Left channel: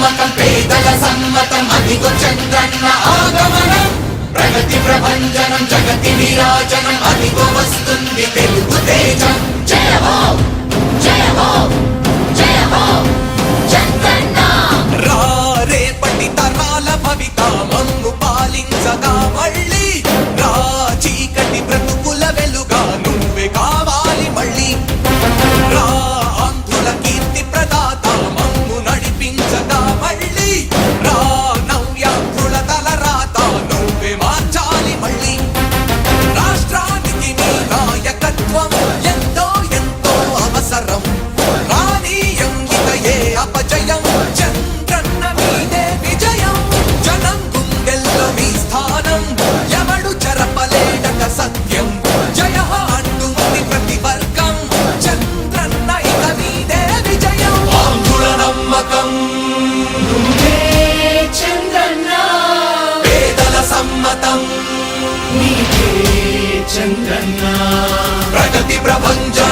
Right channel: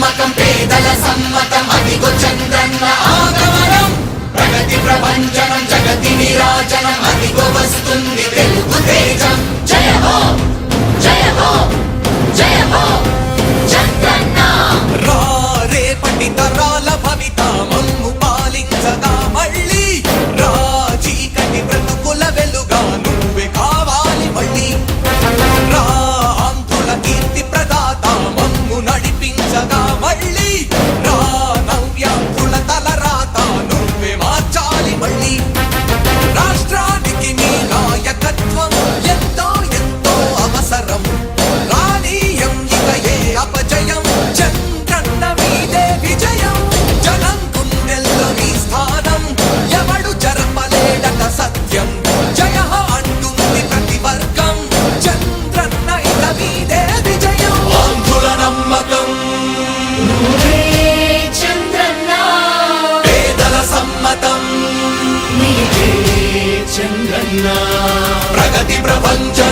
సమ్మతం పేదల సమ్మతం అదిగో చంద్రన్న ఆగమనం. ప్రగతి ప్రభంజనం జగతి విరాజనం 점점